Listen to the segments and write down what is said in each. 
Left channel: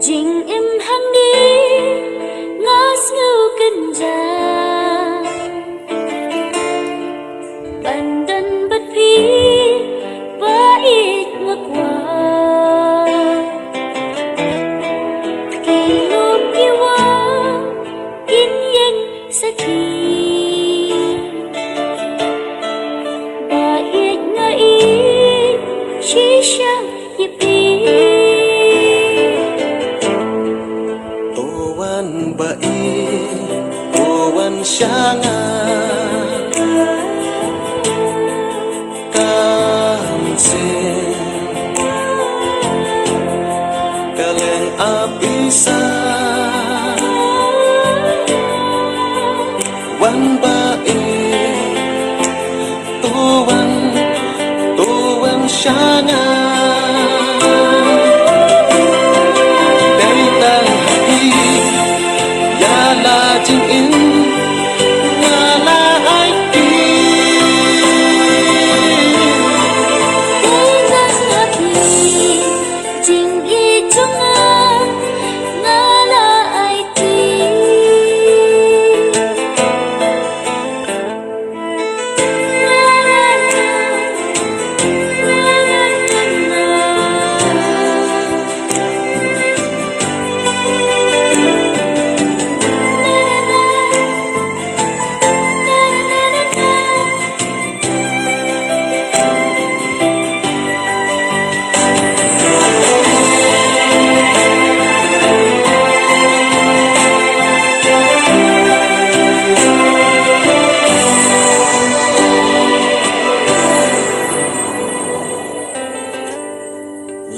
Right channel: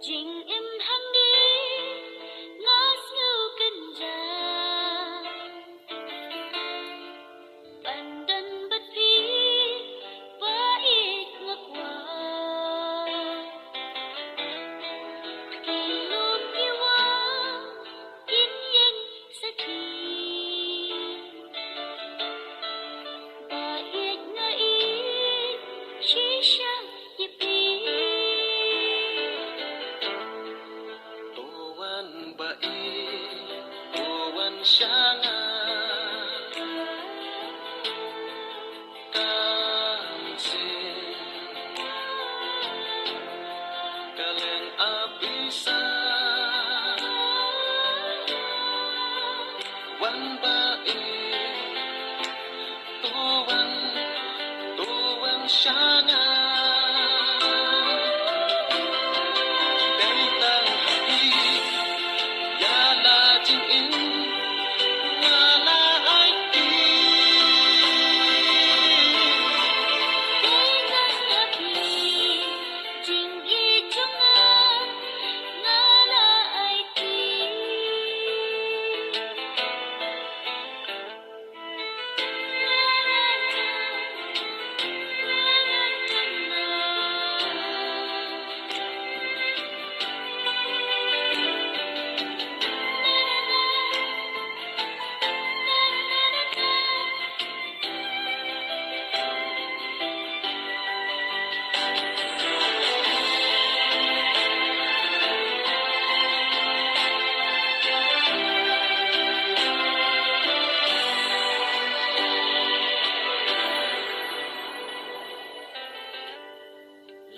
Jing im hang đi ngas ngưu kinh gia bandan bất phi và ít ngược qua kỳ lùm yêu in yên sa khi và ít ngã ít chỉ sang nhịp đi Sanga Kamsin Kalen abisa Wan bai Tuan Sanga Dari tan hati Yala jing in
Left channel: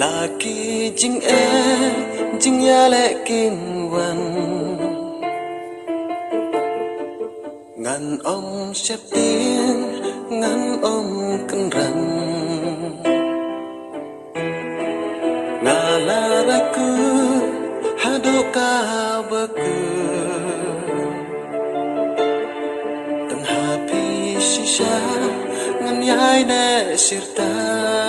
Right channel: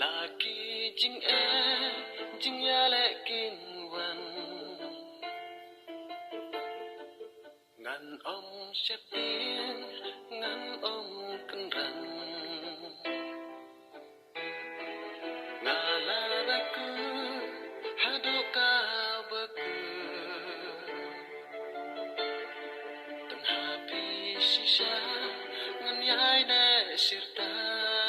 Laki jing ya lệ kim văn ngàn ông xếp tin ngàn ông cân răng ngala raku hadoka baku tengah pi sisa ngan yai ne sirta